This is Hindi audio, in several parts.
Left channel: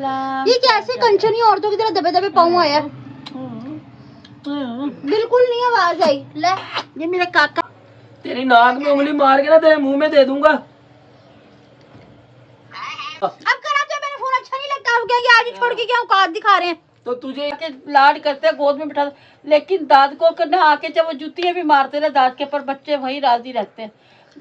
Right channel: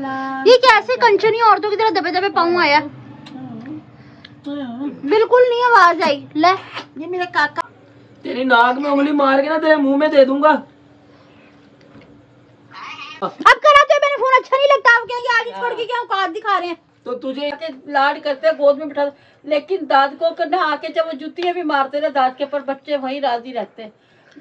सलाम। ये कैसे कंचनी औरतों की तरह दबे दबे पाँव आया? बिल्कुल नहीं आवाज आई। ले ये मेरे काका। तेरी नाक में उंगली मार के ना तेरे मुंह में दे दूंगा। अब करा तो मैंने फोन अच्छा नहीं लगता। हम क्या आज छोड़ के क्या औकात दिखा रहे हैं? तो तुझे लाड करते हैं, गोद में बिठा, लेकिन दाद को करना आके जब वो जुतियां भी मारते ना दाद के पर बच्चे वही राजी रहते हैं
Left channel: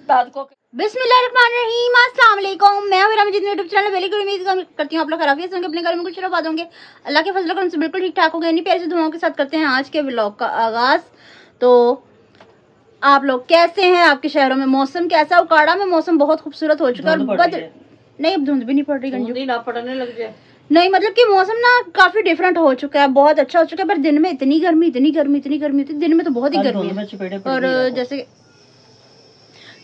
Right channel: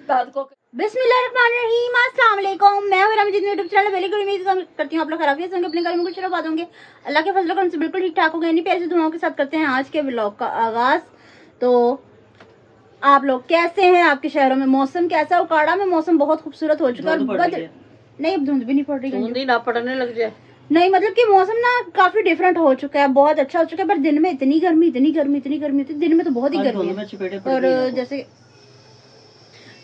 दाद को। बिस्मिल्लाहिर्रहमानिर्रहीम, अस्सलाम वालेकुम। मैं हूं मेरा यूट्यूब चैनल वेली गुड उम्मीद करती हूं आप लोग खराफियत से होंगे, अपने घर में कुछ रखा दोगे। अल्लाह के फजल करम से बिल्कुल ठीक ठाक हो गए। इन्हीं प्यारे से दुआओं के साथ करते हैं आज के व्लॉग का आगाज। तो आप लोग कैसे हैं? आपके शहरों में मौसम कैसा? उकाड़ा में मौसम बहुत खूबसूरत हो चुका है। नहीं अब धुंध भी नहीं पड़ रही, ना पड़ने लग जाए। नहीं मतलब कि मौसम ना काफी डिफरेंट हो चुका है, बहुत अच्छा हो चुका है। पर दिन में इतनी गर्मी होती है, दिन में तो बहुत ही गर्मी है। और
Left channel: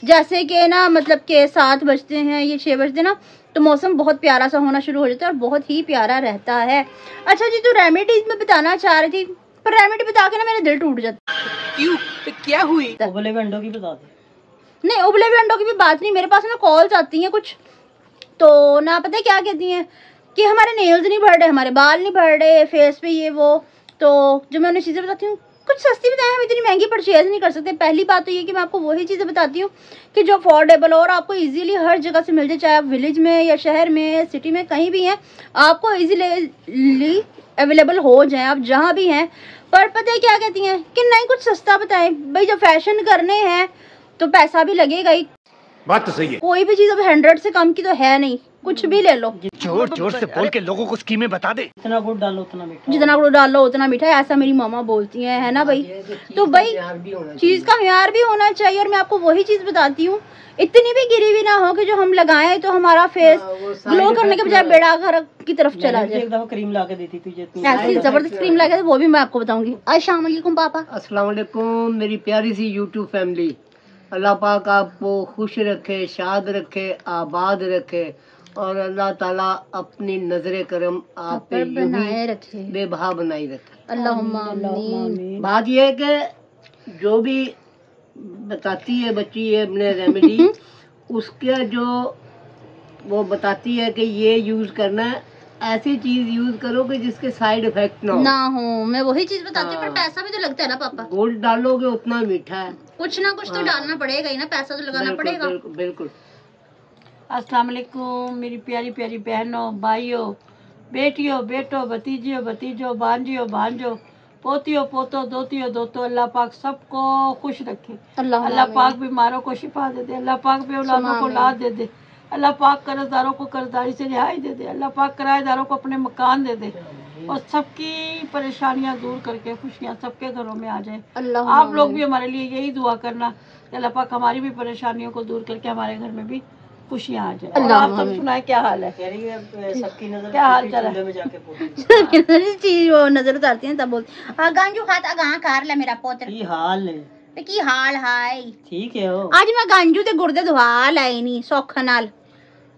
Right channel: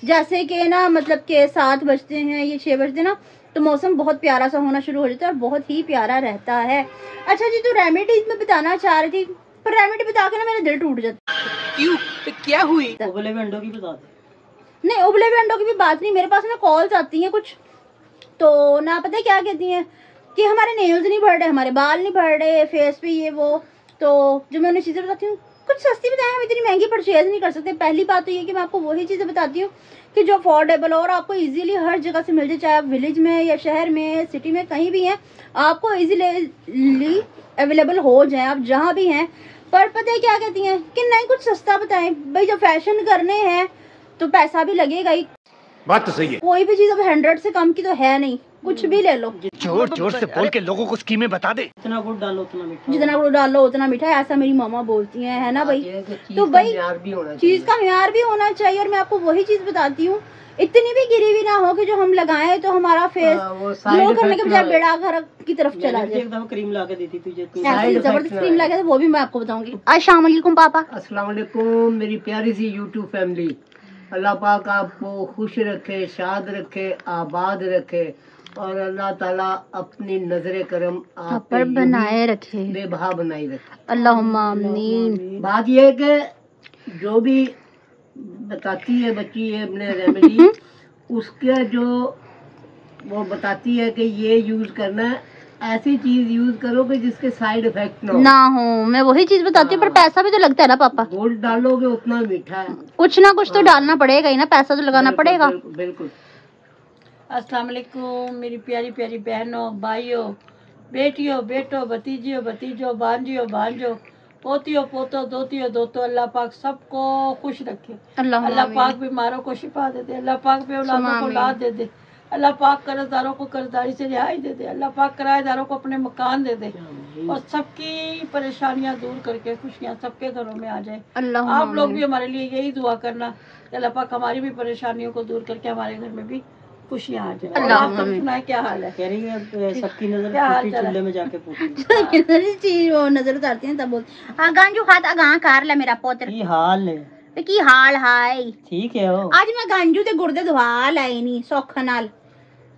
जैसे कि ना मतलब के 7 बजते हैं, ये 6 बजते ना, तो मौसम बहुत प्यारा सा होना शुरू हो जाता है और बहुत ही प्यारा रहता है। अच्छा जी, तो रेमेडीज में बताना चाह रही थी, पर रेमेडी बता के ना मेरा दिल टूट जाता। क्यों? तो क्या हुई? उबले हुए अंडों की बता दे। नहीं उबले हुए अंडों की भी बात नहीं, मेरे पास ना कॉल्स आती हैं कुछ, तो ना पता है क्या कहती हैं कि हमारे नेल्स नहीं बढ़ रहे, हमारे बाल नहीं बढ़ रहे, फेस पे ये वो। तो जो मैं उन्हें चीज़ें बताती हूँ कुछ सस्ती बताएं, हम इतनी महंगी परचेज नहीं कर सकते। पहली बात तो ये कि मैं आपको वही चीज़ें बताती हूँ कि जो अफोर्डेबल हो और आपको इजीली हर जगह से मिल जाए, चाहे आप विलेज में या शहर में सिटी में कहीं भी हैं, आपको इजीली अवेलेबल हो जाए आप जहाँ भी हैं। पर पता है क्या कहती हैं कि नहीं कुछ सस्ता बताएं भाई, जो फैशन करने हैं तो पैसा भी लगेगा ही। बात तो सही है। कोई भी चीज़ अब 100 से कम की तो है नहीं, कुछ भी ले लो। जोर जोर से बोल के लोगों को स्कीमें बता दे। जितना गुड़ डालो उतना मीठा, जितना गुड़ डालो उतना मीठा, ऐसा मेरी मामा बोलती है ना भाई। तो भाई चीज का म्यार भी होना चाहिए, और मैं आपको वही चीज बताती हूँ, इतनी भी गिरी हुई ना हो कि जो हम लगाएं तो हमारा फेस ग्लो करने के बजाय बेड़ा घर की तरफ चला जाए। एक दफा क्रीम ला के दी थी तुझे, ऐसी जबरदस्त क्रीम लगा, वो भी मैं आपको बताऊंगी। अस्सलाम वालेकुम पापा। अस्सलाम वालेकुम मेरी प्यारी सी यूट्यूब फैमिली। अल्लाह पाक आपको खुश रखे, शाद रखे, आबाद रखे, और अल्लाह ताला अपनी नजरे करम आप पर बनाए रखे, बेबहा बनाई रखे, अल्लाहुम्मा आमीन। बात यह है कि जो भी बताती है बच्ची है अपने रेमेडी, उसके जो वो बताती है कि ये यूज करना है, ऐसी चीज यूज करो कि जिसके साइड इफेक्ट ना हो। मैं वही चीज बताती हूँ, पर पैसा भी तो लगता है ना पापा। गोल्ड डालोगे उतना मीठा है, कुछ ना कुछ तो डालना पड़ेगा ही ना, पैसा तो लगाना पड़ेगा। बिल्कुल। अस्सलाम वालेकुम मेरी प्यारी प्यारी बहनों, भाइयों, बेटियों, बेटों, भतीजियों, भतीजों, भांजियों, भांजों, पोतियों, पोतों, दोतियों, दोतों, अल्लाह पाक सबको खुश रखे। अल्लाह पाक बीमारों को शिफा दे दे, अल्लाह पाक बेऔलादों को औलाद दे दे, अल्लाह पाक कर्जदारों को कर्जदारी से रिहाई दे दे, अल्लाह पाक किराएदारों को अपने मकान दे दे, और सबकी परेशानियां दूर करके खुशियां सबके घरों में आ जाए। आप लोग भी हमारे लिए यही दुआ करना कि अल्लाह पाक हमारी भी परेशानियों को दूर करके हमारे घर में भी खुशियां आ जाए। और आप सब सुनाए क्या हाल है? सबकी नजर क्या हाल चल रहा है? में चीज वो नजर उतारती हैं तब बोलती गांजू खाता गां कार ले मेरा पोतर की हाल है, की हाल हाय ठीक है। आज मैं गांजू ते गुर्दे धवा लाई नहीं सौख नाल,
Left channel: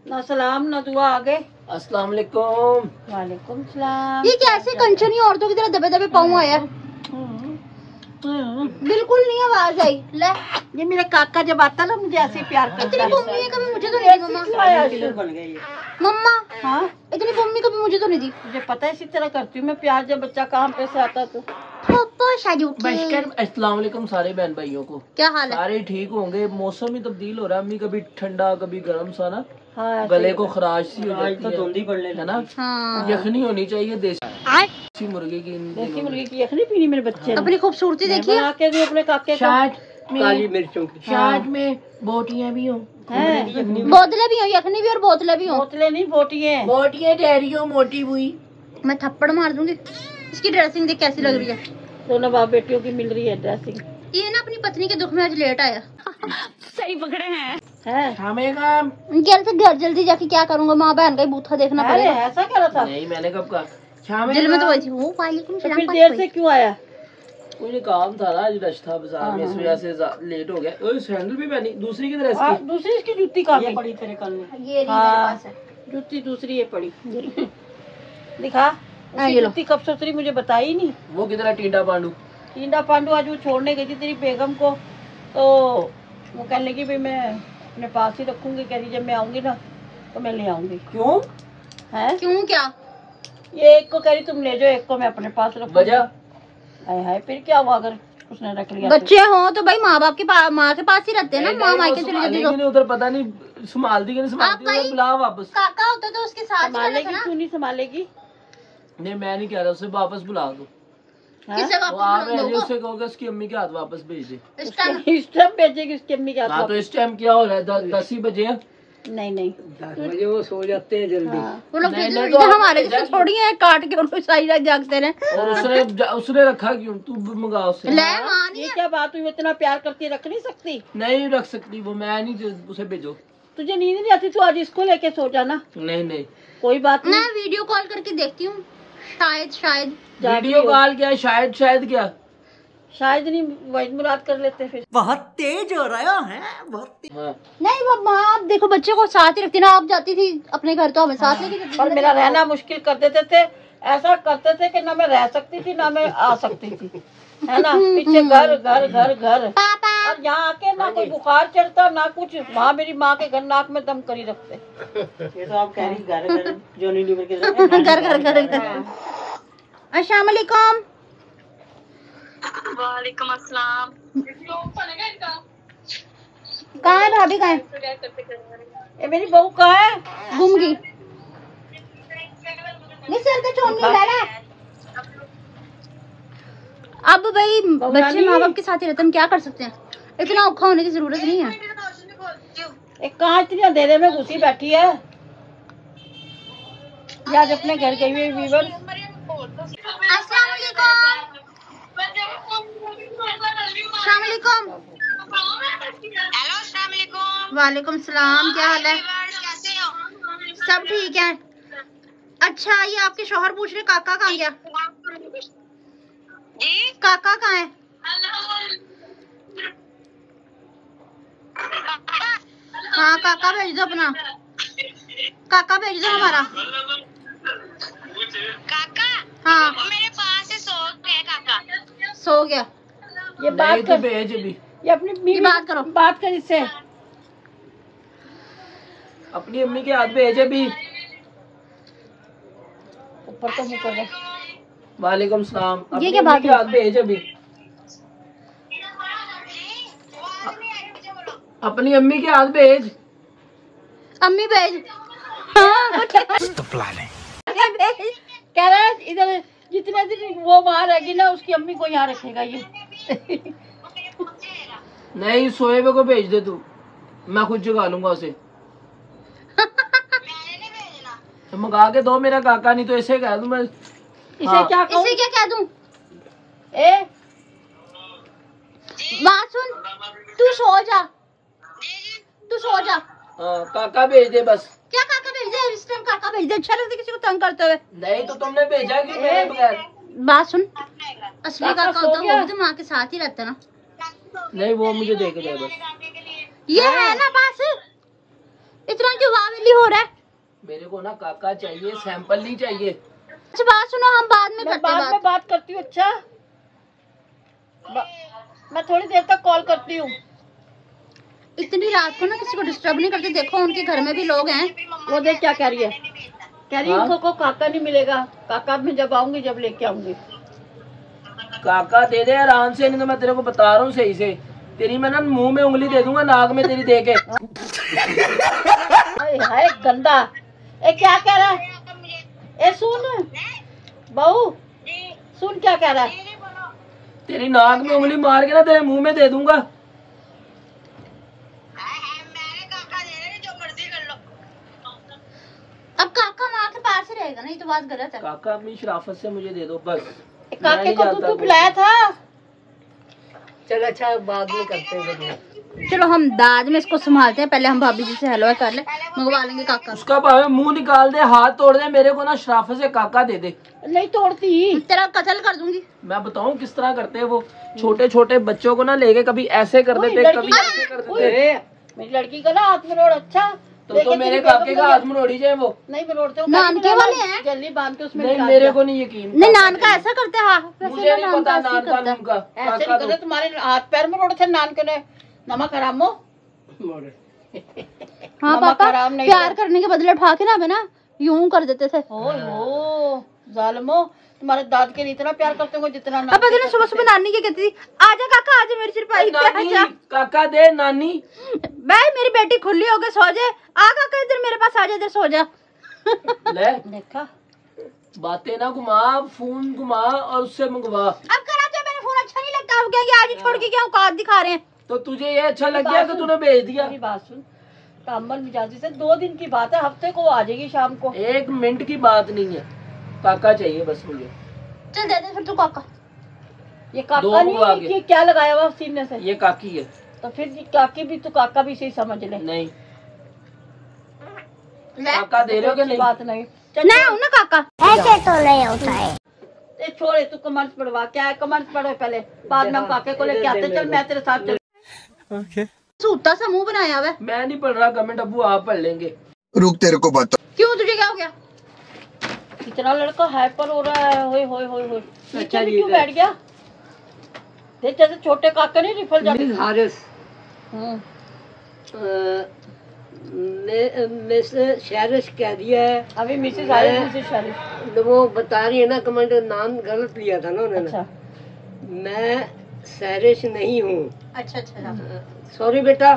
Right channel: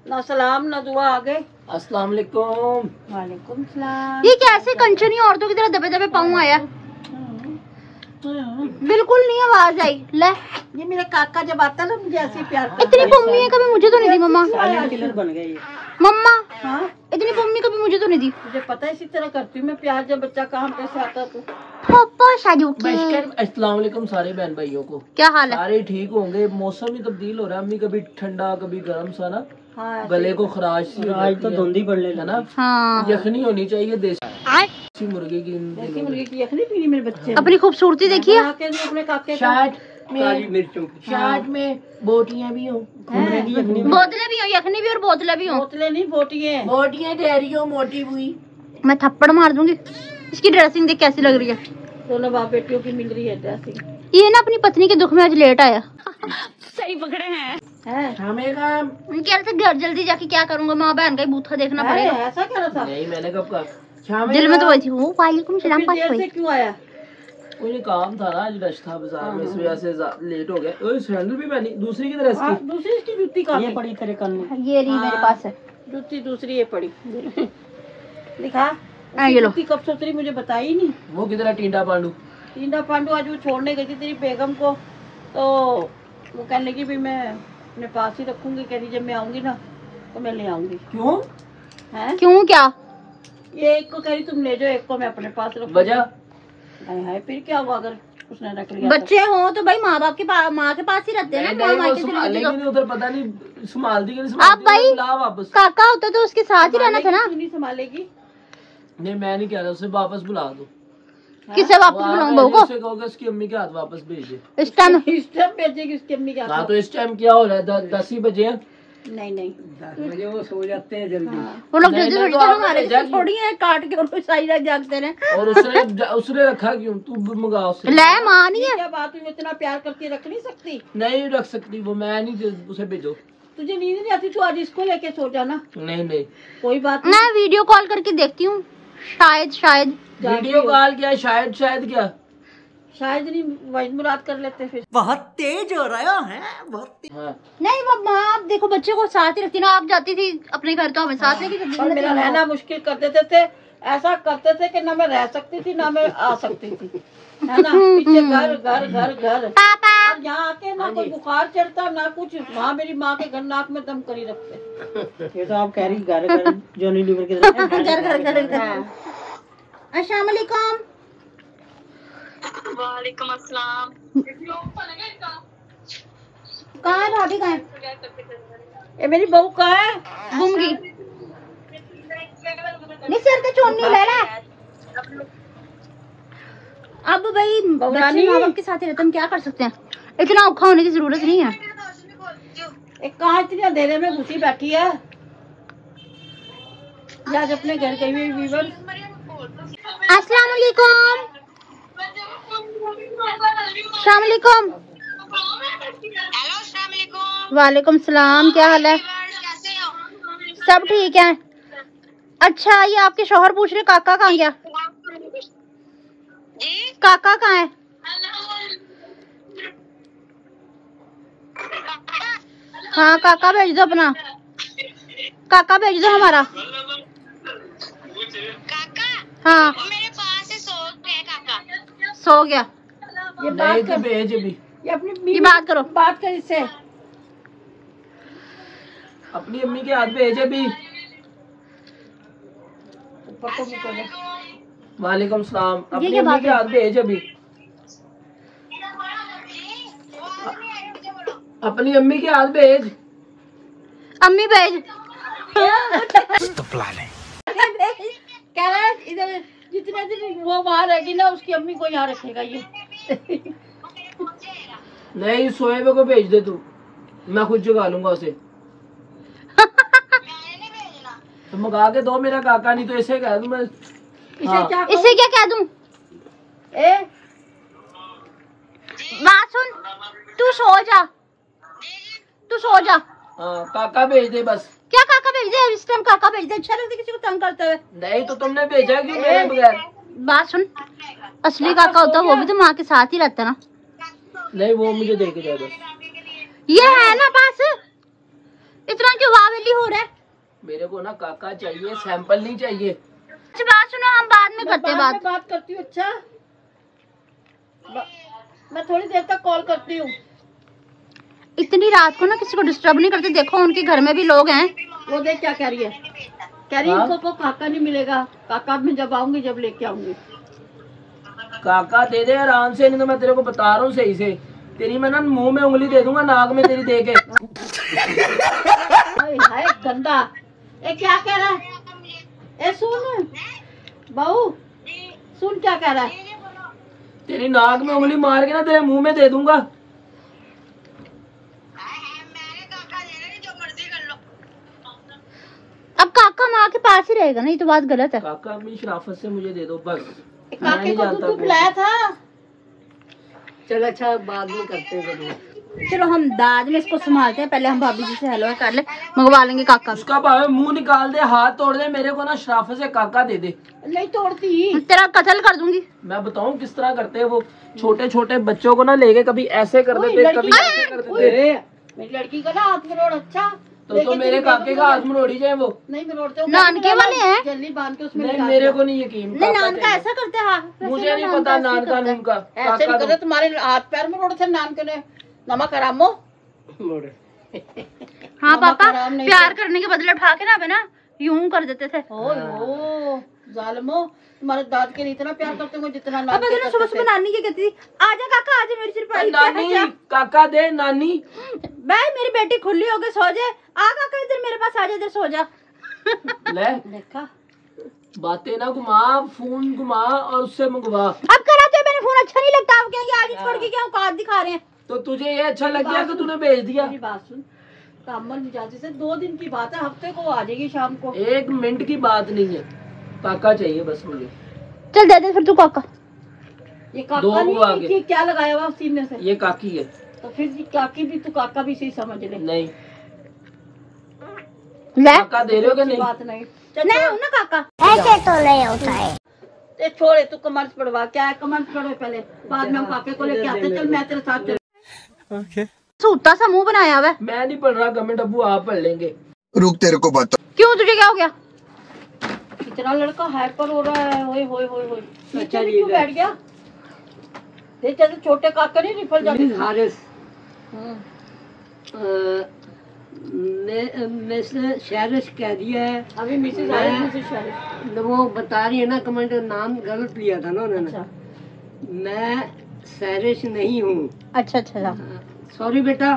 ना सलाम ना दुआ आ गए। अस्सलाम वालेकुम। वालेकुम सलाम। ये कैसे कंचनी औरतों की तरह दबे दबे पाँव आया? बिल्कुल नहीं आवाज आई। ले ये मेरा काका जब आता ना मुझे ऐसे प्यार करता इतनी पम्मी है, कभी मुझे तो नहीं दी मम्मा। बन गई है मम्मा हाँ, इतनी पम्मी कभी मुझे तो नहीं दी। मुझे पता है इसी तरह करती हूँ मैं प्यार, जब बच्चा काम पे से आता तो। पापा शाजू के अस्सलाम वालेकुम सारे बहन भाइयों को, क्या हाल है? सारे ठीक होंगे। मौसम ही तब्दील हो रहा है, अम्मी कभी ठंडा कभी गर्म सा ना, गले को खराश सी हो जाती है ना। हाँ यखनी होनी चाहिए देसी मुर्गे की, देसी मुर्गे की यखनी पीनी मेरे बच्चे। अपनी खूबसूरती देखिए। अपने काके शार्ट में बोटियां भी हो, बोतलें भी हो, यखनी भी और बोतलें भी हो। बोतलें नहीं बोटियां, बोटियां ठहरियो मोटी हुई। मैं थप्पड़ मार दूंगी। इसकी ड्रेसिंग देख कैसी लग रही है? दोनों बाप बेटियों की मिल रही है ड्रेसिंग। ये ना अपनी पत्नी के दुख में आज लेट आया। सही पकड़े हैं। शामेगा से घर जल्दी जाके क्या करूंगा, माँ बहन का ही बूथा देखना पड़ेगा। ऐसा क्या था? नहीं मैंने कब कहा, दिल में तो वही थी। वो वालेकुम सलाम। देर से क्यों आया? कोई काम था ना, आज रश था बाजार में, इस वजह से लेट हो गया। ओए सैंडल भी मैंने दूसरी की तरह इसकी, दूसरी इसकी जूती कहाँ ये पड़ी तेरे कान में? ये रही मेरे पास है जूती, दूसरी ये पड़ी दिखा। ये लो। जूती कब से उतरी मुझे बताई नहीं। वो किधर है टींडा पांडू? आज वो छोड़ने गई थी तेरी बेगम को, तो वो कहने लगी भाई मैं अपने पास ही रखूंगी, कह रही जब मैं आऊंगी ना तो मैं ले आऊंगी। क्यों है? क्यों क्या? ये एक को कह रही तुम ले जाओ, एक को मैं अपने पास रखूंगी। वजह है फिर क्या हुआ अगर उसने रख लिया? बच्चे हो तो भाई माँ बाप के पास, माँ के पास ही रहते हैं ना। माँ मायके चली जाती तो नहीं उधर पता नहीं संभालती कि नहीं आप संभालती, भाई बुला वापस। काका होता तो उसके साथ ही रहना था ना। तू नहीं संभालेगी? नहीं मैं नहीं कह रहा, उसे वापस बुला दो। किसे वापस बुलाऊं बहू को? उसे कहोगे उसकी अम्मी के हाथ वापस भेज दे। इस टाइम इस टाइम भेजेगी उसकी अम्मी के हाँ हाथ? तो इस टाइम क्या हो रहा है? 10 ही बजे हैं। नहीं नहीं 10 बजे वो सो जाते हैं जल्दी। वो लोग नहीं, जल्दी नहीं, उठते हैं, तो हमारे आप जैसे थोड़ी है काट के और सारी रात जागते रहे। और उसने रखा क्यों? तू मंगा उससे। ले माँ नहीं ये है। क्या बात हुई? इतना प्यार करती रख नहीं सकती? नहीं रख सकती वो, मैं नहीं, उसे भेजो। तुझे नींद नहीं आती? तू आज इसको लेके सो जाना। नहीं नहीं कोई बात नहीं। मैं वीडियो कॉल करके देखती हूँ, शायद वीडियो कॉल क्या? शायद क्या? शायद नहीं, वही मुराद कर लेते फिर। हाँ। नहीं। वो माँ आप देखो बच्चे को साथ ही रखती ना। आप जाती थी अपने घर तो हमें साथ लेके जाती और थी। मेरा रहना मुश्किल कर देते थे, ऐसा करते थे कि ना मैं रह सकती थी ना मैं आ सकती थी, है ना। पीछे घर घर घर घर, पापा और यहाँ आके ना कोई बुखार चढ़ता ना कुछ। वहाँ मेरी माँ के घर नाक में दम करी रखते। ये तो आप कह रही घर घर जॉनी लीवर के साथ। घर अस्सलाम वालेकुम। वालेकुम अस्सलाम। कहाँ है भाभी? कहाँ है? ये मेरी बहू कहाँ है? घूम गई। नहीं सर का चोन नहीं ला। अब भाई बच्चे माँ बाप के साथ ही रहते, हम क्या कर सकते हैं? इतना औखा होने की जरूरत नहीं है। एक कहाँ इतनी अंधेरे में घुसी बैठी है? आज अपने घर गई हुई वीवर। अस्सलाम वालेकुम। अस्सलाम वालेकुम। हेलो अस्सलाम वालेकुम। वालेकुम सलाम। क्या हाल है? कैसे हो? सब ठीक है। अच्छा ये आपके शौहर पूछ रहे काका कहाँ गया? जी काका कहाँ है? हाँ काका भेज दो अपना, काका भेज दो हमारा। काका हाँ वो मेरे पास है, सो गए काका। सो गया। ये नहीं बात तो कर, भेज अभी। ये अपनी ये बीवी बात करो। बात कर इससे। अपनी अम्मी के हाथ भेज अभी। ऊपर तो मुँह करो। वालेकुम सलाम। ये अपनी क्या अम्मी बात के है? हाथ भेज अभी। अपनी अम्मी के हाथ भेज। अम्मी भेज। कह रहा है इधर जितने दिन वो वहाँ रहेगी ना उसकी अम्मी को यहाँ रखेगा ये। नहीं सोएबे को भेज दे तू, मैं खुद जगा लूंगा उसे। तो मंगा के दो मेरा काका, नहीं तो ऐसे कह दूं मैं। इसे हाँ। क्या इससे क्या कह दूं? ए बात सुन, तू सो जा, तू सो जा। हाँ काका भेज दे बस। क्या काका भेज दे? इस टाइम काका भेज दे? अच्छा लगता है किसी को तंग करते हुए? नहीं तो तुमने भेजा क्यों मेरे बगैर? बात सुन, असली काका होता वो भी तो माँ के साथ ही रहता ना। नहीं वो मुझे दे के जाए बस। ये है ना पास, इतना क्यों वावेली हो रहा है? मेरे को ना काका चाहिए, सैंपल नहीं चाहिए। अच्छा बात सुनो, हम बाद में करते हैं बाद में बात। बात करती हूँ। अच्छा मैं थोड़ी देर तक कॉल करती हूँ। इतनी रात को ना किसी को डिस्टर्ब नहीं करते, देखो उनके घर में भी लोग हैं। वो देख क्या कह रही है, कह रही है इनको को काका नहीं मिलेगा, काका मैं जब आऊंगी जब लेके आऊंगी। काका दे दे आराम से, नहीं तो मैं तेरे को बता रहा हूँ सही से, तेरी मैं ना मुंह में उंगली दे दूंगा, नाक में तेरी दे के। हाय गंदा। ए क्या कह रहा है? ए सुन बहू, सुन क्या कह रहा है। तेरी नाक में उंगली मार के ना तेरे मुंह में दे दूंगा। अब काका माँ के पास ही रहेगा, नहीं तो बात गलत है। काका अपनी शराफत से मुझे दे दो बस। काके को तू बुलाया था? चल अच्छा बाद में करते हैं जरूर। चलो हम बाद में इसको संभालते हैं, पहले हम भाभी जी से हेलो कर ले, मंगवा लेंगे काका। उसका भावे मुंह निकाल दे, हाथ तोड़ दे, मेरे को ना शराफत से काका दे दे। नहीं तोड़ती, तेरा कत्ल कर दूंगी। मैं बताऊं किस तरह करते हैं वो, छोटे छोटे बच्चों को ना लेके कभी ऐसे कर देते, कभी ऐसे कर देते। मेरी लड़की का ना हाथ मरोड़। अच्छा तो मेरे काके का हाथ मरोड़ी जाए वो। नहीं मरोड़ते, नानके वाले हैं। जल्दी बांध के उसमें नहीं मेरे को नहीं यकीन। नहीं नान का ऐसा करते हैं। हाँ मुझे नहीं पता नान का नून का। ऐसे काका नहीं करते, तुम्हारे हाथ पैर मरोड़े थे नान के ने। नमक हरामो। हाँ नमक पापा हराम नहीं प्यार करने के बदले उठा के ना ना यूं कर देते थे। ओ जालिमो, तुम्हारे दाद के लिए इतना प्यार करते हो जितना अब अगर ना सुबह सुबह नानी क्या कहती थी, आजा काका आजा मेरी सिरपाई पे नानी आजा। काका दे नानी। भाई मेरी बेटी खुली हो गई, सो जाए, आ काका इधर मेरे पास आजा, इधर सो जा। ले देखा बातें ना घुमा, फोन घुमा और उससे मंगवा। अब कराते मैंने फोन अच्छा नहीं लगता, हम कहेंगे आज ही छोड़ के क्या औकात दिखा रहे हैं। तो तुझे ये अच्छा लग गया कि तूने भेज दिया? मेरी बात सुन, कामल मिजाजी से 2 दिन की बात है, हफ्ते को आ जाएगी शाम को। 1 मिनट की बात नहीं है, काका चाहिए बस मुझे। चल दे दे फिर तू काका। ये दो काका को आगे। नहीं, ये क्या लगाया हुआ सीने से? ये काकी है। तो फिर ये काकी भी तो काका भी सही समझ ले। नहीं ले काका दे रहे हो कि नहीं? बात नहीं, नहीं हूं ना काका। ए छोड़े, तू कमेंट्स पढ़वा, क्या है कमेंट्स पढ़ो पहले, बाद में हम काके को लेके आते। चल मैं तेरे साथ चल। सूता सा मुंह बनाया हुआ है। मैं नहीं पढ़ रहा कमेंट, अबू आप पढ़ लेंगे। रुक तेरे को बता। क्यों तुझे क्या हो गया? इतना लड़का हाइपर हो रहा है, होए होए होए होए। अच्छा नीचे जी, क्यों बैठ गया? देख जैसे छोटे काके नहीं रिफल जाते। मिस हारिस, मिस शहरिश कह दिया है। अभी मिसेस मैं- आई, मिसेस शारिफ। वो बता रही है ना, कमेंट नाम गलत लिया था ना उन्होंने। अच्छा मैं शहरिश नहीं हूँ, अच्छा अच्छा सॉरी बेटा,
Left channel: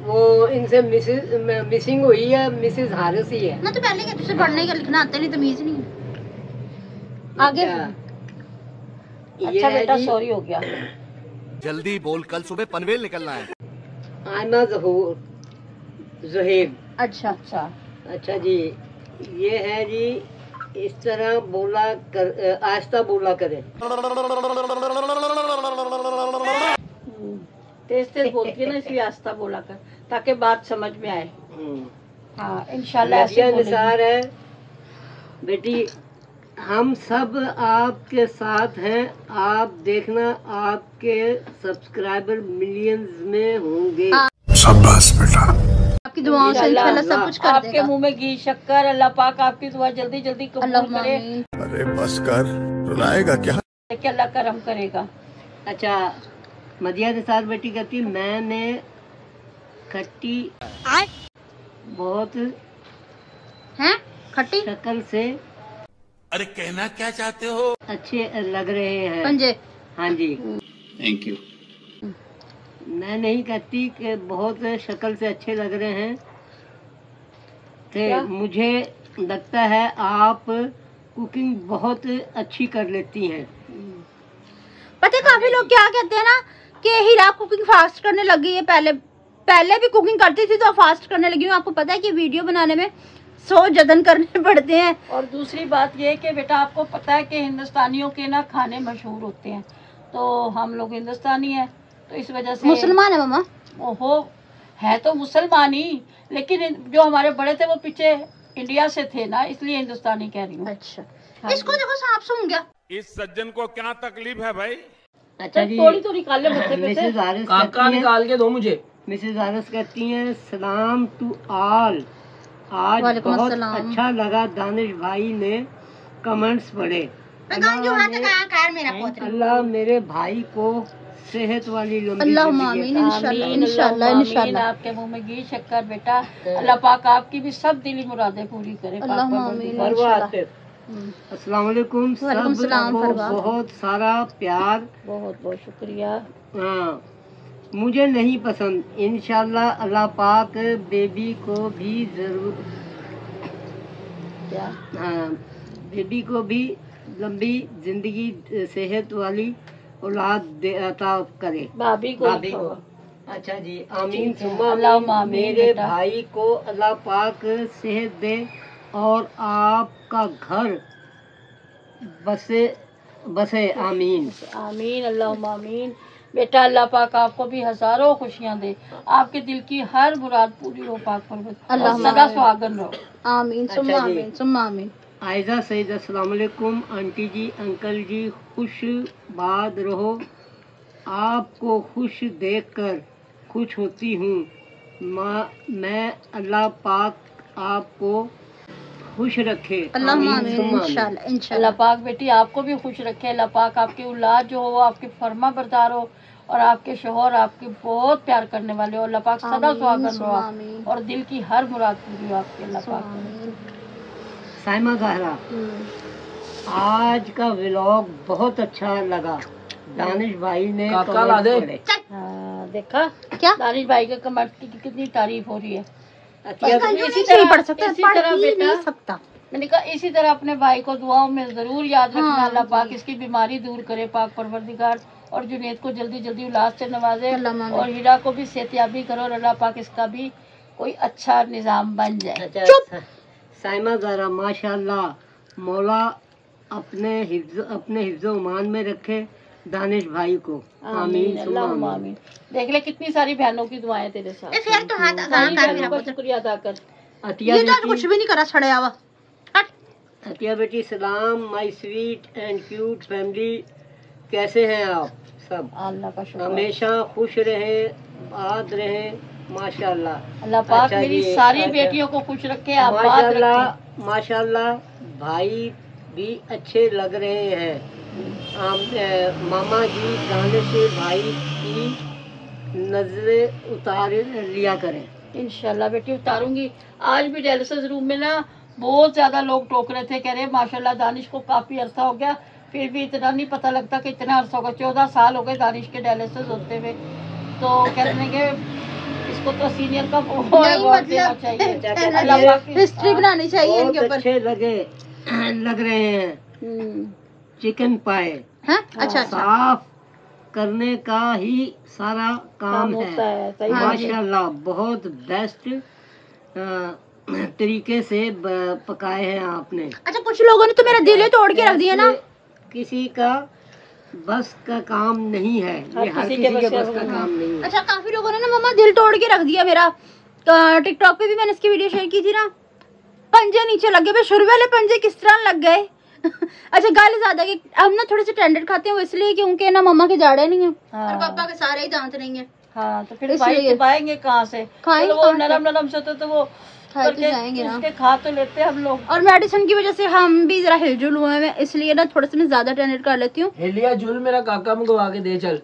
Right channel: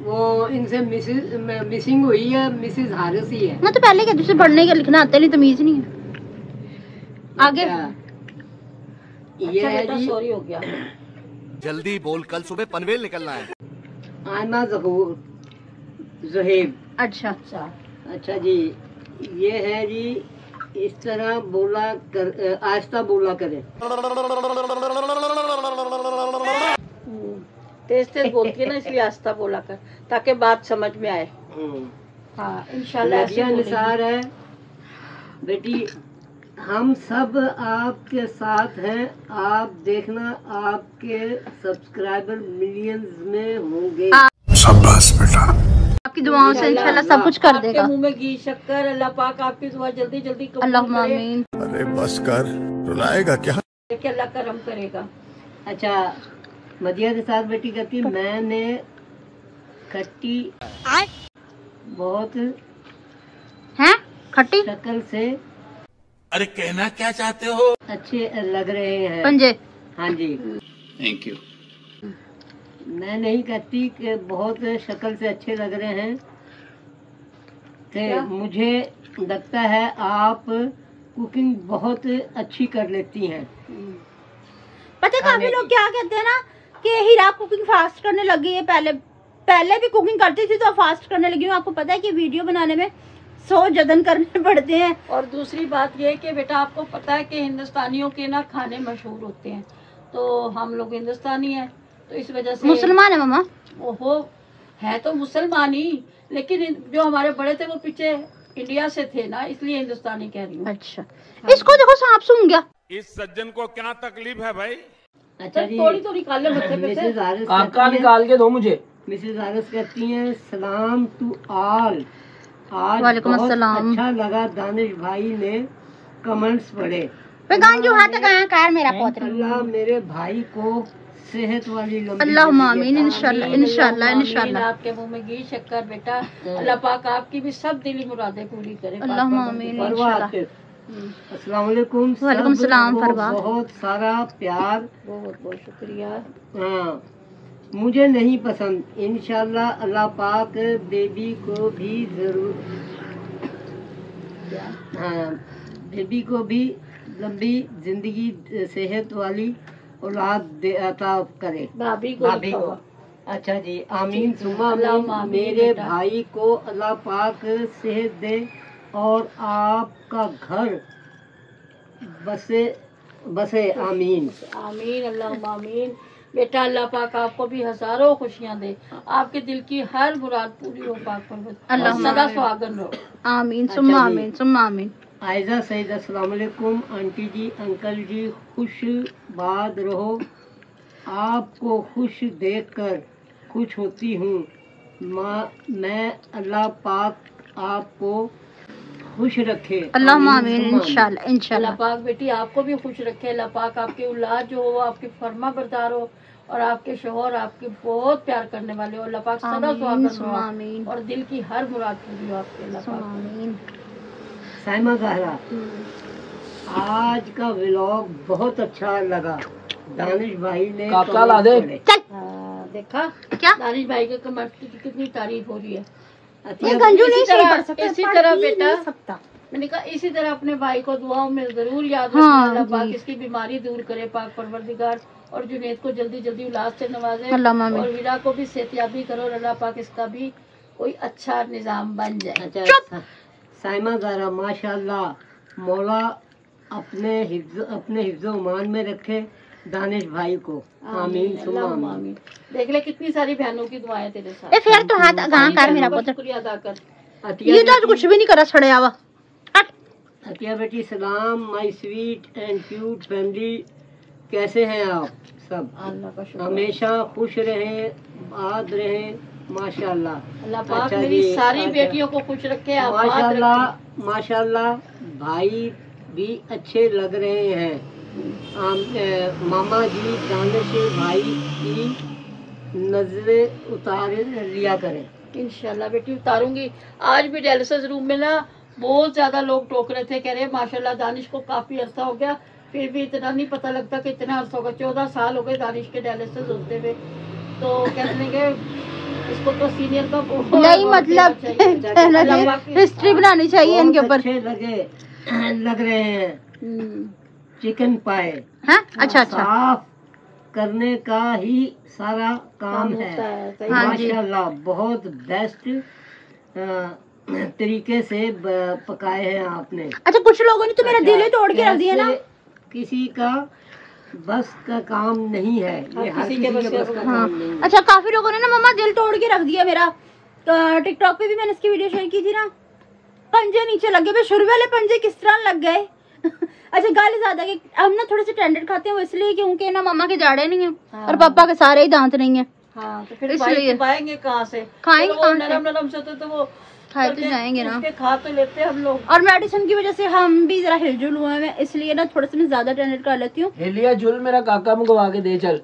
वो इनसे मिसिंग हुई है, मिसेस हारिस ही है। मैं तो पहले कहती तुझे पढ़ने का लिखना आता नहीं, तमीज नहीं है। आगे अच्छा, ये अच्छा है बेटा, जी सॉरी हो गया। जल्दी बोल, कल सुबह पनवेल निकलना है। आयमा ज़ुहैब। अच्छा अच्छा अच्छा जी, ये है जी, इस तरह बोला कर, आहिस्ता बोला करें। तेज तेज बोलती है ना, इसलिए आस्था बोला कर ताकि बात समझ में आए। हाँ इंशाल्लाह ऐसे नदिया बोलेगी। निसार है बेटी, हम सब आपके साथ हैं, आप देखना आपके सब्सक्राइबर मिलियंस में होंगे। शाबाश बेटा। आपकी दुआओं से इंशाल्लाह सब कुछ कर आपके देगा। मुंह में घी शक्कर, अल्लाह पाक आपकी दुआ जल्दी जल्दी कबूल अल्लाहुम्मा करे, आमीन। अरे बस कर, रुलाएगा क्या? कि अल्लाह करम करेगा। अच्छा, मदिया निसार बेटी कहती, मैंने खट्टी बहुत हैं खट्टी शक्ल से अरे कहना क्या चाहते हो? अच्छे लग रहे हैं। पंजे। हाँ जी, थैंक यू। मैं नहीं कहती कि बहुत शक्ल से अच्छे लग रहे हैं, तो मुझे लगता है आप कुकिंग बहुत अच्छी कर लेती हैं। पता है काफी लोग क्या कहते हैं ना कि हीरा कुकिंग फास्ट करने लग गई है। पहले भी कुकिंग करती थी तो फास्ट करने लगी हूँ। आपको पता है कि वीडियो बनाने में 100 जतन करने पड़ते हैं। और दूसरी बात ये है कि बेटा आपको पता है कि हिंदुस्तानियों के ना खाने मशहूर होते हैं, तो हम लोग हिंदुस्तानी हैं तो इस वजह से मुसलमान है मामा। ओहो, है तो मुसलमान ही, लेकिन जो हमारे बड़े थे वो पीछे इंडिया से थे ना, इसलिए हिंदुस्तानी कह रही हूँ। अच्छा, इसको देखो सांप सूंघ गया। इस सज्जन को क्या तकलीफ है भाई? अच्छा जी, थोड़ी तो निकाले बच्चे में से। मिसेज हारिस काका कहती हैं, निकाल के दो मुझे। मिसेज हारिस कहती हैं, सलाम टू ऑल। आज वालेकुम बहुत अस्सलाम। अच्छा लगा, दानिश भाई ने कमेंट्स पढ़े। जो हाथ कहाँ खैर मेरा पोतरा। अल्लाह मेरे भाई को सेहत वाली लंबी अल्लाहुम्मा जिंदगी आमीन। अता इंशाल्लाह आमीन, इंशाल्लाह आमीन। इंशाल्लाह। आपके मुंह में घी शक्कर बेटा, अल्लाह पाक आपकी भी सब दिली मुरादें पूरी करे। पाक अल्लाहुम्मा परवरदिगार। आमीन। फरवा इंशाल्लाह। आतिफ। अस्सलाम वालेकुम। वालेकुम सलाम सबको फरवा। बहुत सारा प्यार। बहुत बहुत शुक्रिया। हाँ, मुझे नहीं पसंद। इंशाल्लाह अल्लाह पाक बेबी को भी जरूर, हाँ, बेबी को भी लंबी जिंदगी सेहत वाली औलाद अता करे। भाभी को भाभी लिखा को। हुआ। अच्छा जी, आमीन सुम्मा अल्लाहुम्मा आमीन। आमीन मेरे बेटा। भाई को अल्लाह पाक सेहत दे और आपका घर बसे आमीन। आमीन, अल्लाहुम्मा आमीन। बेटा अल्लाह पाक आपको भी हजारों खुशियां दे, आपके दिल की हर मुराद पूरी हो पाक परवरदिगार। अल्लाहुम्मा सदा आमीन। सुहागन रहो। आमीन सुम्मा अच्छा जी। आमीन सुम्मा आमीन। आयजा सईद, अस्सलाम वालेकुम। आंटी जी, अंकल जी, खुश बाद रहो। आपको खुश देखकर खुश होती हूँ। मैं अल्लाह पाक आपको खुश रखे। अल्लाहुम्मा आमीन आमीन। सुम्मा आमीन। इंशाल्लाह अल्लाह इंशाल्लाह। पाक बेटी आपको भी खुश रखे। अल्लाह पाक आपकी औलाद जो हो वो आपकी फर्मा बरदार हो, और आपके शोहर आपकी बहुत प्यार करने वाले हो। अल्लाह पाक सदा आमीन सुहागन सुम्मा रहो आमीन। और दिल की हर मुराद पूरी हो आपके। अल्लाह पाक आमीन। साइमा ज़हरा, आज का व्लॉग बहुत अच्छा लगा। दानिश भाई ने काका ला दे। देखा क्या दानिश भाई का कमेंट की कितनी तारीफ हो रही है। गंजू नहीं सही पढ़ सकता, पढ़ ही नहीं सकता। मैंने कहा इसी तरह अपने भाई को दुआओं में जरूर याद रखना। हाँ, अल्लाह पाक इसकी बीमारी दूर करे, पाक परवरदिगार, और जुनैद को जल्दी जल्दी औलाद से नवाजे, और हीरा को भी सेहतियाबी करो, और अल्लाह पाक इसका भी कोई अच्छा निजाम बन जाए। अच्छा, साइमा ज़रा माशाल्लाह, मौला अपने हिफ्ज़ ईमान में रखे दानिश भाई को। आमीन सुम्मा आमीन। देख ले कितनी सारी बहनों की दुआएं तेरे साथ। ए फिर तो हाथ कहाँ कर मेरा पुत्र, शुक्रिया अदा कर। ये तो आज कुछ भी नहीं करा, छड़े आवा। अतिया बेटी सलाम, my sweet and cute family, कैसे हैं आप सब? अल्लाह का शुक्र, हमेशा खुश रहें, आबाद रहें माशाल्लाह। अल्लाह पाक अच्छा मेरी जी, सारी अच्छा। बेटियों को खुश रखे, आबाद माशाल्लाह रखे। माशाल्लाह, भाई भी अच्छे लग रहे हैं। मामा जी दानिश भाई की नजरें उतार लिया करें। इंशाल्लाह बेटी उतारूंगी। आज भी डायलिसिस रूम में ना बहुत ज्यादा लोग टोक रहे थे, कह रहे माशाल्लाह दानिश को काफी अरसा हो गया, फिर भी इतना नहीं पता लगता कि इतना अरसा होगा। 14 साल हो गए दानिश के डायलिसिस होते हुए। तो कहते हैं कि इसको तो सीनियर का नहीं, मतलब हिस्ट्री बनानी चाहिए इनके ऊपर। अच्छे लग रहे हैं। चिकन पाए अच्छा साफ करने का ही सारा काम है। माशाल्लाह बहुत बेस्ट तरीके से पकाए हैं आपने। अच्छा, कुछ लोगों ने तो मेरा दिल ही तोड़ के रख दिया ना। किसी का बस का काम नहीं है ये, हर किसी के बस का काम नहीं है। अच्छा, काफी लोगों ने ना मम्मा दिल तोड़ के रख दिया मेरा। तो टिकटॉक पे भी मैंने इसकी वीडियो शेयर की थी ना, पंजे नीचे लग गए। शुरू वाले पंजे किस तरह लग गए। अच्छा, गाली ज्यादा कि हम ना थोड़े से टेंडर खाते हैं, वो इसलिए क्योंकि ना मम्मा के जाड़े नहीं है और पापा के सारे ही दांत नहीं है। हाँ, तो फिर भाई चबाएंगे कहाँ से? खाएंगे वो नरम नरम से तो वो खाए तो जाएंगे ना, खा तो लेते हैं हम लोग। और मेडिसिन की वजह से हम भी जरा हिलजुल हुए हैं, इसलिए ना थोड़ा सा मैं ज्यादा टेंडर कर लेती हूँ। हिलिया जुल मेरा काका मंगवा के दे चल।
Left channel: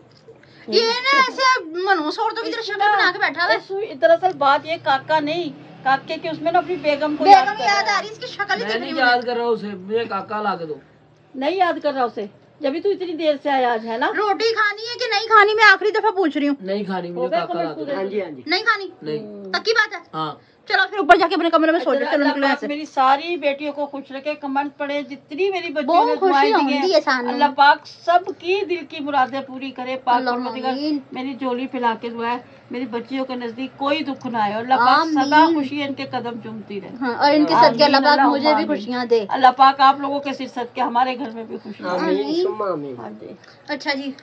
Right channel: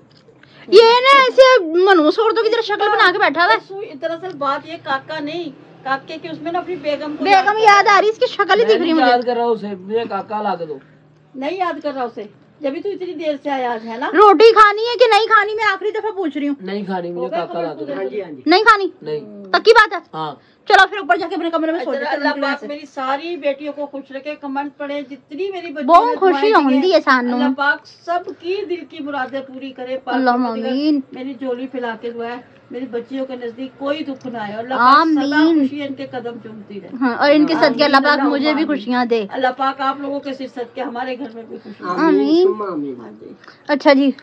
ये ना ऐसे मनूस औरतों की तरह शक्ल बना के बैठा हुआ है। दरअसल बात ये काका नहीं, काके के उसमें ना अपनी बेगम को बेगम याद आ रही, इसकी शक्ल ही दिख रही है मुझे। याद कर रहा हूँ उसे, मुझे काका ला के दो। नहीं याद कर रहा उसे, जब भी तू इतनी देर से आया है ना। रोटी खानी है कि नहीं खानी, मैं आखिरी दफा पूछ रही हूँ। नहीं खानी, मुझे काका ला के दो। हाँ जी हाँ जी। नहीं खानी? नहीं। पक्की बात है? हाँ। चलो फिर ऊपर जाके अपने कमरे में सो जाओ। चलो निकलो यहाँ से। मेरी सारी बेटियों को खुश रखे, कमेंट पढ़े, जितनी मेरी बहुत खुशी होती है सानू। अल्लाह पाक सबकी दिल की मुरादें पूरी करे। अल्लाह आमीन। मेरी झोली फैला के दुआ है मेरी बच्चियों के नजदीक कोई दुख ना आए, और अल्लाह पाक सदा खुशी इनके कदम चूमती रहे। हाँ, और इनके सदके अल्लाह पाक मुझे भी खुशियाँ दे। अल्लाह पाक आप लोगों के सिर सदके हमारे घर में भी खुशी। आमीन। अच्छा जी,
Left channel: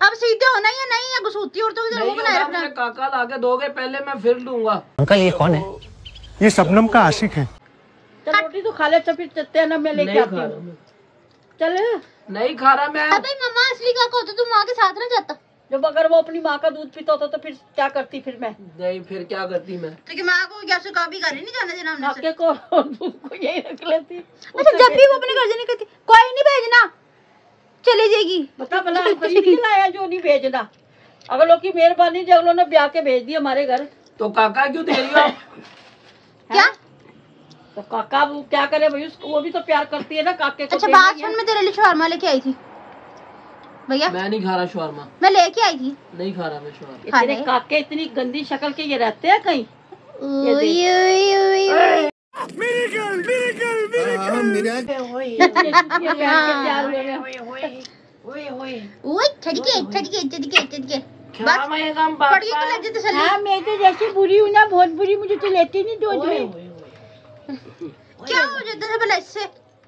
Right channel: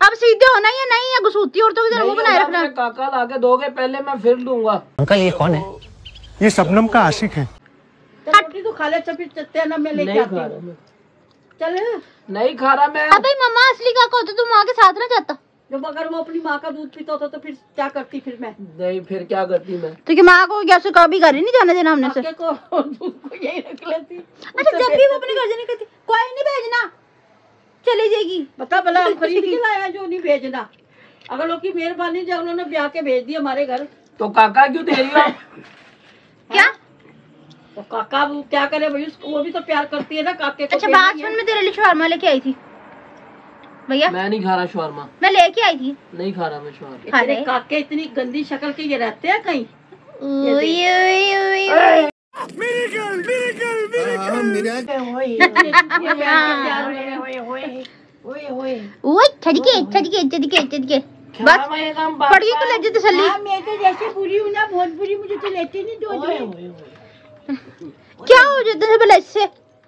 अब सीधे होना या नहीं, या घुसूती औरतों की तरह मुंह बनाए रखना? काका ला के दोगे पहले, मैं फिर लूंगा। अंकल ये कौन है? ये शबनम का आशिक है। रोटी तो खा ले, चलते हैं ना, मैं लेके नहीं आती खा हूँ। रहा मैं, चल नहीं खा रहा मैं। अबे मम्मा असली काका होता तो माँ के साथ ना जाता। जब अगर वो अपनी माँ का दूध पीता होता तो फिर क्या करती? फिर मैं नहीं, फिर क्या करती मैं? तो कि माँ को कैसे कभी घर ही नहीं जाने देना हमने से। काके को दूध को यही रख लेती। अच्छा, जब भी वो अपने घर जाने कहती कोई नहीं भेजना, चली जाएगी। बता भला खरीद के लाया जो नहीं भेजना। अगर लोग की मेहरबानी जो उन्होंने ब्याह के भेज दिया हमारे घर, तो काका क्यों दे रही हो आप? क्या? तो काका वो क्या करे भाई, उसको वो भी तो प्यार करती है ना काके को। अच्छा, बात सुन, मैं तेरे लिए शवारमा लेके आई थी भैया। मैं नहीं खा रहा शवारमा, मैं लेके आई थी। नहीं खा रहा मैं शवारमा। इतने काके इतनी गंदी शक्ल के ये रहते हैं कहीं। बस पड़ गई तो लज्जत तसल्ली। मैं तो जैसे बुरी हूँ ना, बहुत बुरी, मुझे तो लेते नहीं दूध में। क्या हो जाता है भला इससे?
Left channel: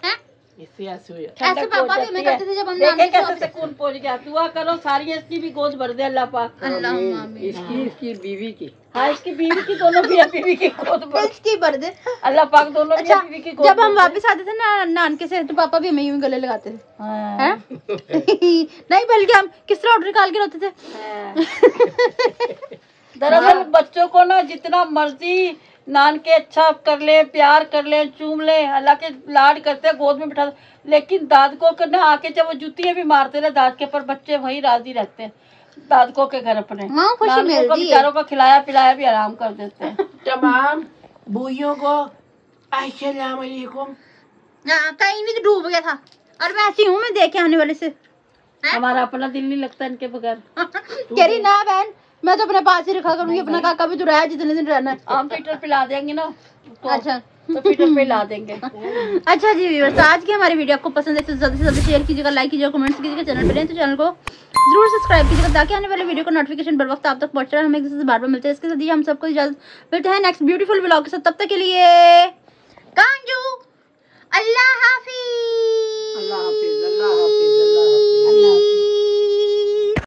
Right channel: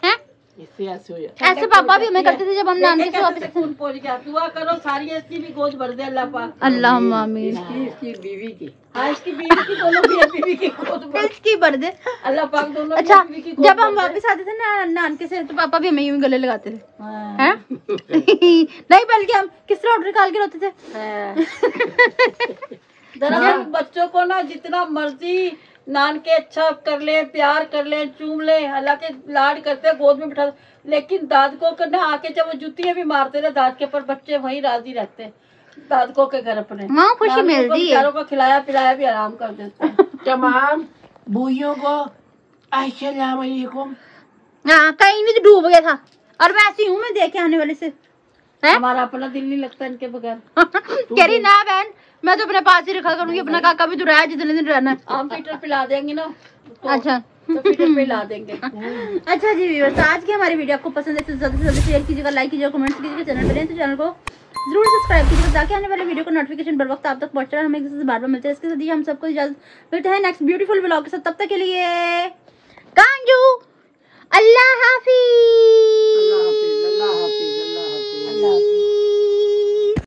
हैं? इससे ऐसे हो जाता। ऐसे पापा भी हमें करते थे जब हम नानी से वापस। खून पहुंच गया। दुआ करो सारी ऐसी भी गोद भर दे अल्लाह पाक। अल्लाह आमीन। इसकी बीवी की, हाँ, इसकी बीवी की, दोनों बीवी की गोद भर इसकी भर दे अल्लाह पाक, दोनों अच्छा, बीवी की गोद जब हम वापस आते थे ना नानके से, तो पापा भी हमें यूं गले लगाते थे। हाँ। हैं? नहीं, बल्कि हम किस तरह ऑर्डर निकाल के रोते थे। दरअसल बच्चों को ना जितना मर्जी नान के अच्छा कर ले, प्यार कर ले, चूम ले, हालांकि लाड करते गोद में बिठा, लेकिन दादकों के ना आके जब वो जुतियां भी मारते ना दादके पर, बच्चे वहीं राजी रहते हैं दादकों के घर अपने। हाँ, खुशी मिलती है। बेचारों को खिलाया पिलाया भी आराम कर देते हैं। तमाम बूइयों को अस्सलाम वालेकुम। हाँ कहीं नहीं तो डूब गया था, और मैं ऐसी हूँ, मैं देख के आने वाले से है? हमारा अपना दिल नहीं लगता इनके बगैर। कह रही ना बहन, मैं तो अपने पास ही रखा करूंगी, अपना काका भी तो रहा है जितने दिन रहना है। हम पीटर पिला देंगे ना तो, अच्छा तो पीटर पिला देंगे। अच्छा जी व्यूअर्स, आज की हमारी वीडियो आपको पसंद है तो ज्यादा से ज्यादा शेयर कीजिएगा, लाइक कीजिएगा, कमेंट्स कीजिएगा, चैनल पर हैं तो चैनल को जरूर सब्सक्राइब कीजिएगा ताकि आने वाले वीडियो का नोटिफिकेशन बर वक्त आप तक पहुंच रहा है। हम एक दूसरे से बार बार मिलते हैं, इसके साथ ही हम सबको इजाजत मिलते हैं नेक्स्ट ब्यूटीफुल व्लॉग के साथ। तब तक के लिए कांजू, अल्लाह हाफिज। अल्लाह हाफिज।